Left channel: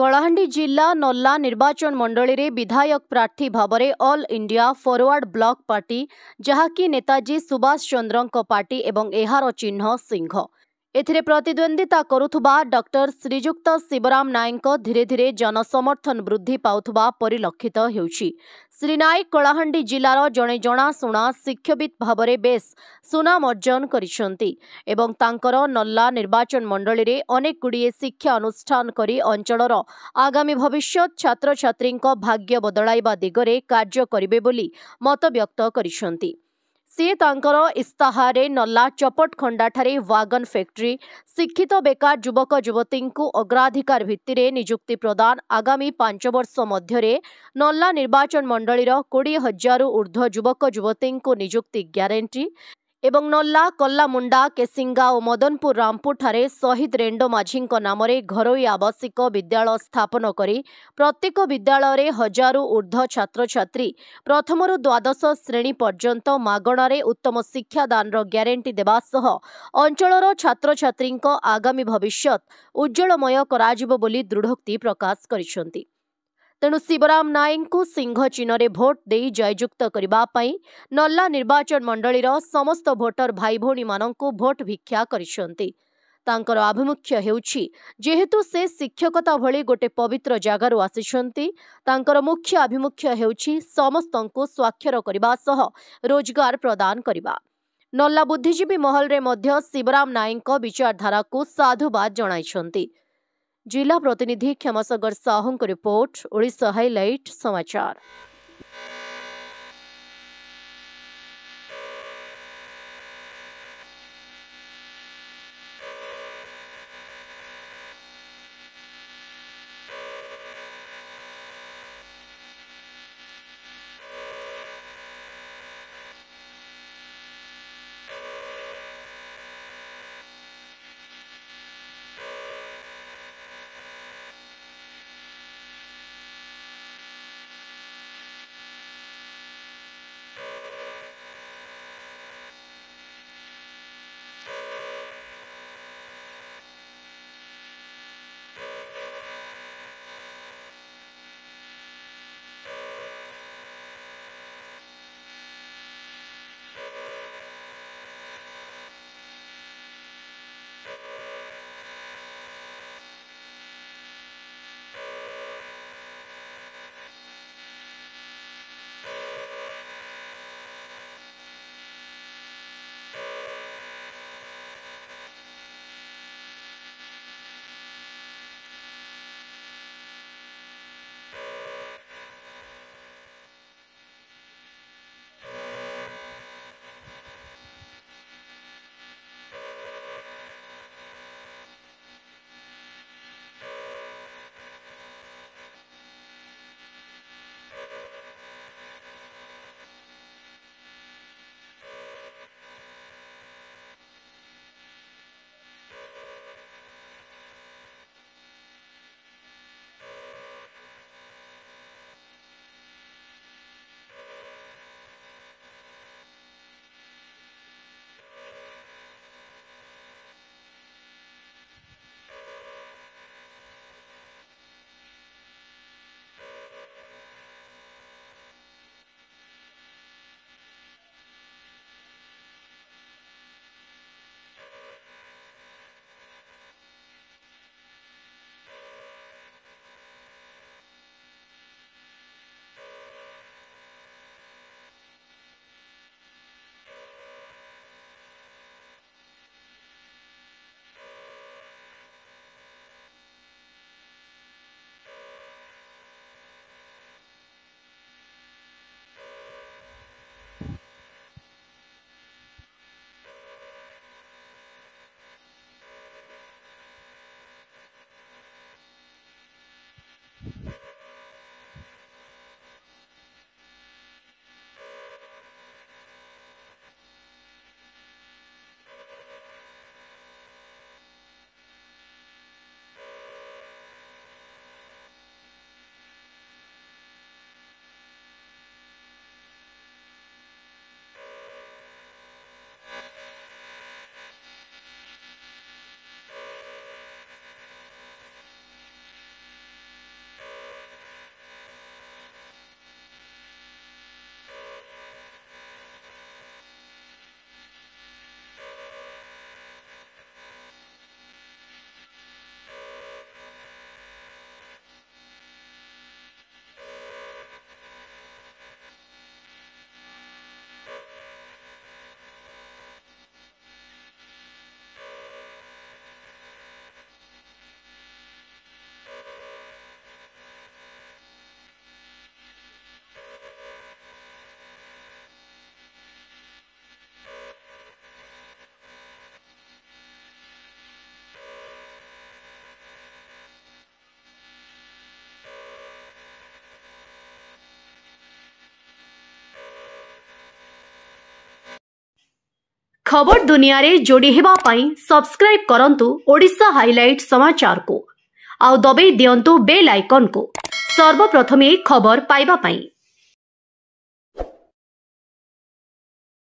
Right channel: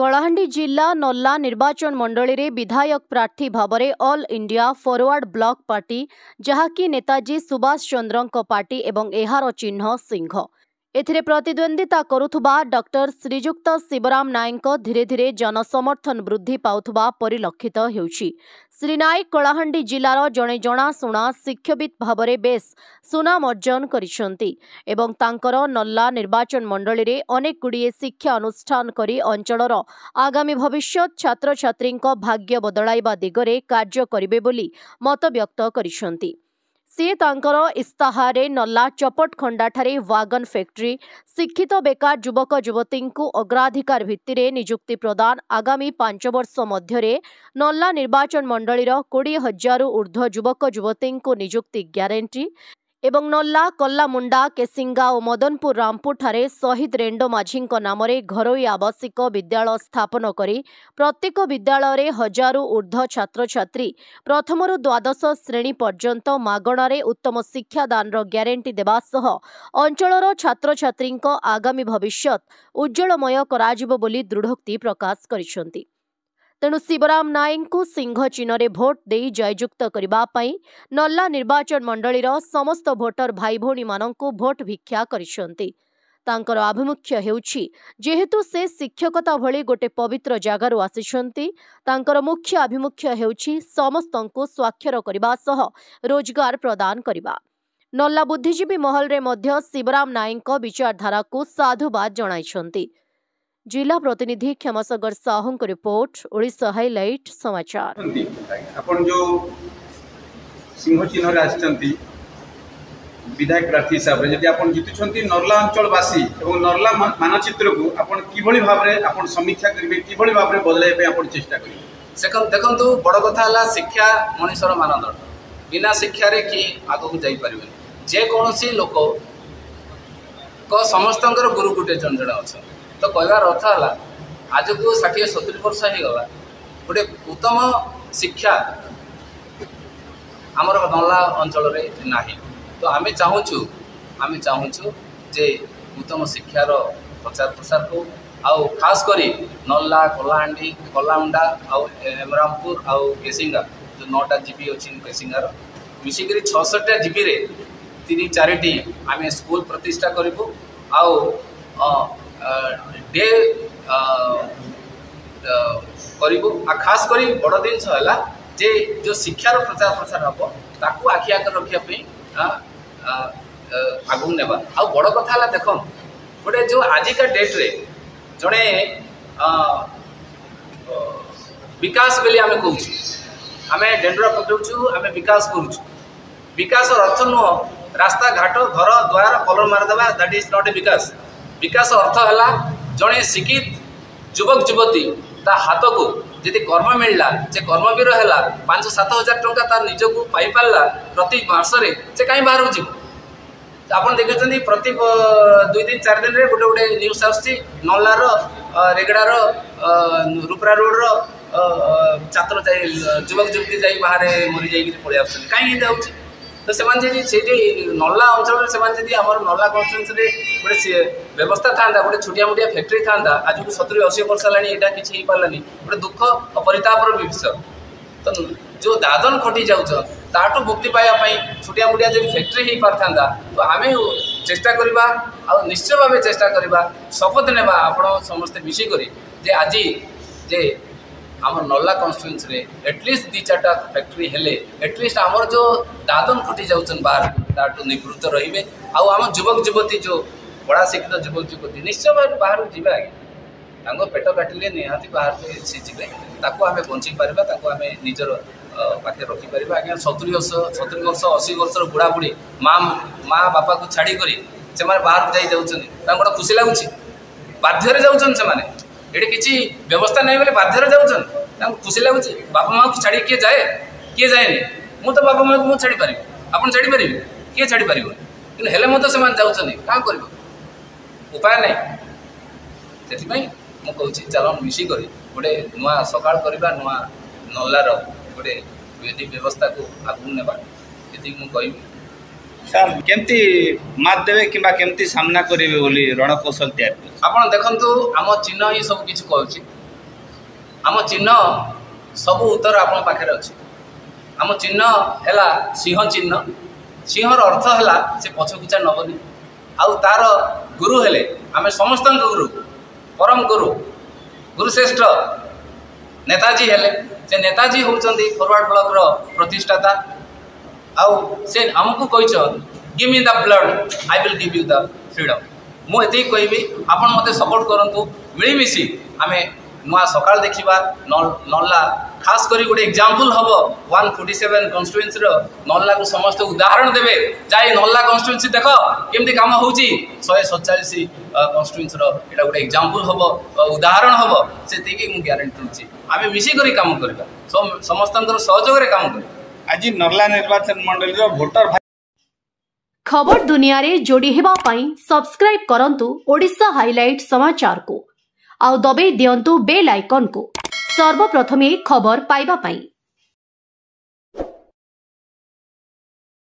कलाहांडी जिला नल्ला निर्वाचन मंडली रे विधायक प्रार्थी Bhavre all India forward block party जहाँकि नेताजी सुभाष चंद्रଙ୍କ पार्टी एवं एहार चिन्ह सिंह एथिरे प्रतिद्वंदिता करुथुबा डॉक्टर श्रीजुक्त शिवराम नायक धीरे धीरे जनसमर्थन वृद्धि पाउथुबा परिलक्षित हेउछि। श्री नायक कलाहांडी जिलार जणे जणाशुणा शिक्षाविद भावरे बेस सुनाम अर्जन करिसंती एवं तांकर नल्ला निर्वाचन मंडली रे अनेक गुड़िए शिक्षा अनुष्ठान करी अंचलर आगामी भविष्यत छात्र छात्रींक भाग्य बदलाइबा दिगरे कार्य करिबे बोली मत व्यक्त करिसंती। से तांकर इस्ताहारे नल्ला चपटखंडा ठारे वागन फैक्ट्री शिक्षित बेकार युवक युवती अग्राधिकार भित्तिरे नियुक्ति प्रदान आगामी 5 वर्ष मध्यरे नल्ला निर्वाचन मंडलीर 20,000 ऊर्ध्व युवक युवती नियुक्ति ग्यारंटी एवं नल्ला कल्लामुंडा केसिंगा और मदनपुर रामपुर ठारे शहीद रेंडो माझी नामरे घरोई आवासिक विद्यालय स्थापन करी प्रत्येक विद्यालय 1000 ऊर्ध्व छात्र छात्री प्रथमरु द्वादश श्रेणी पर्यंत मागणारे उत्तम शिक्षादान ग्यारंटी देवा सह अंचलर छात्र छात्री आगामी भविष्यत उज्जवलमय कराजिबो बोली दृढ़ोक्ति प्रकाश करिसंती। तेणु शिवराम नायक को सिंह चिन्ह भोट दे जययुक्त करने नल्ला निर्वाचन मंडलीर समस्त भोटर भाई भौणी मानंकु भोट भिक्षा करिसंती। तांकर आभिमुख्य हेउछि जेहेतु से शिक्षकता भली गोटे पवित्र जगारु आसिछंती तांकर मुख्य आभिमुख्य हेउछि समस्तंकु स्वाक्षर करबा सह रोजगार प्रदान करबा। नल्ला बुद्धिजीवी महल रे मध्य शिवराम नायक विचारधारा को साधुवाद जणाइछंती। जिला प्रतिनिधि क्षमासागर साहू को रिपोर्ट ओडिशा हाइलाइट समाचार। आपण जो सिंह चिन्ह आछंती विधायक प्रार्थी हिसाब रे जदि आपण जितुछंती नर्ला अंचलवासी और नर्ला मानचित्र को आपण किभली भाव रे आपण समीक्षा करिवे किभली भाव रे बदलाय पे आपण चेष्टा करिवे। देखंतु बड़ कथा हला शिक्षा मनुष्यर मानदंड बिना शिक्षा रे कि आगो को जाई परिबे जे कोनोसी लोक को समस्तंकर गुरु गुटे जन जण अछि तो कहवार अर्थ है आज को 60-70 वर्ष हो गला गोटे उत्तम शिक्षा आमर नल्ला अंचल ना तो आम चाहूँ जे उत्तम शिक्षार प्रचार प्रसार हो आउ खास करी नल्ला कलाहांडी कल्लामुंडा आउ हेमरामपुर आउ केसिंगा जो 9टा जीपी अच्छी केसिंगार मिसिक 66टा जीपी रे 3-4टी आम स्कूल प्रतिष्ठा करूँ आउ डे करूँ खास करी बड़ जिनस है जे जो शिक्षार प्रचार प्रसार हम ताकू आखि आगे रखापी आगू नेबा आ बड़ कथा है देख गोटे जो आजिका डेट रे जड़े विकास बोली आम कहूँ आम डेंडरा पकाऊ आम विकास करुँ विकास अर्थ नुह रास्ता घाट घर द्वार कलर मारदेवा दैट इज नॉट ए विकास। विकास अर्थ है जड़े शिक्षित युवक युवती ता हाथ को जदि कर्म मिलला से कर्मवीर है 5-7 हजार टंका तार निजक पाई पारा प्रति मासरे से कहीं बाहर जीव आप देखुं प्रति 2-3-4 दिन में गोटे गोटे न्यूज आसूँ नल्लार रेगड़ार रूपरा रोड छात्र युवक युवती जा बाहर मरी जाइए पलि आस कहीं तो से नल्ला अंचल से आम नल्ला कन्स्टिट्यूएंसी गोटे व्यवस्था था गोटे छोटिया मोटिया फैक्ट्री था आज को 70-80 वर्ष है यहाँ किसी हो पारानी गोटे दुख और परितापर विषय तो जो दादन खटी जाऊँ ताठू मुक्ति पाइबापी छोटिया मोटिया जो फैक्ट्री हो पारता तो आम चेष्टा करवा आ निश्चय भाव चेष्टा करवा शपथ नेबा आपण समस्ते मिसिक जे आज जे आम नल्ला कन्स्टिट्यूएंसी एटलिस्ट 2-4टा फैक्ट्री हेले एटलिस्ट आमर जो दादन खटी जाऊन बाहर ताठू निवृत्त रे आम युवक युवती जो बड़ा शिक्षित युवक युवती निश्चय भाव बाहर जीवा आगे पेट काटिले निहाती बाहर को सी जी आम बंची पार्बा आम निजर पाखे रखिपर आज्ञा 70 वर्ष 80 वर्ष बुढ़ा बुढ़ी माँ बापा को छाड़ी से बाहर को गोटे खुशी लगुच बाध्य जाऊँ ये किसी व्यवस्था नहीं बोले बाध्य जाऊँ खुशी लगुच बापा माँ को छाड़ी किए जाए मु तो बापा माँ को छाड़ी पारि आप छाड़ी पारे किए छाड़ी पार कि हेले मत से जाऊँ क्या कर उपाय नहीं से मुझे चल मिसिक गोटे नुआ सकाल करवा नुआ नल्लार गोटे विधि व्यवस्था को आगू नेबा ये मुझे सर केमती मात देवे किंबा केमती सामना करेंगे बोली रणकौशल तैयार आपड़ देखु आम चिन्ह ही सब किसी कहूँ आम चिन्ह सब उत्तर आपण पाखे अच्छे। आम चिन्ह है सिंह चिन्ह। सिंहर अर्थ है से पछखिचा नबनी। आउ तार गुरु हेले आम समस्त गुरु परम गुरुश्रेष्ठ नेताजी हेले। से नेताजी होउचंदी फॉरवर्ड ब्लॉक रो प्रतिष्ठाता। आउ से आमको कहिछन give me the blood I will give you the freedom. मु एति कहबी आपण मते सपोर्ट करंतु मिलीमिशी आमे नुआ सकाळ देखिबा नल्ला खास करी गोटे एग्जांपल हम 147 कन्स्टिट्युएंसी नल्ला को समस्त उदाहरण देवे जाए नल्ला कन्स्टिट्युएंसी देख केमती काम होउची 147 कन्स्टिट्युएंसी एटा गोटे एग्जांपल हम उदाहरण हम से मु ग्यारंटी दूची आमे मिसी करी काम करबा समस्तंकर सहयोग रे काम करबा। आज नर्ला निर्वाचन मंडली रो वोटर खबर दुनिया रे जोड़ी हेबा पई सब्सक्राइब करंतु ओडिशा हाइलाइट समाचार को आउ दबे दियंतु बेल आइकन को सर्वप्रथमे खबर पाइबा पई।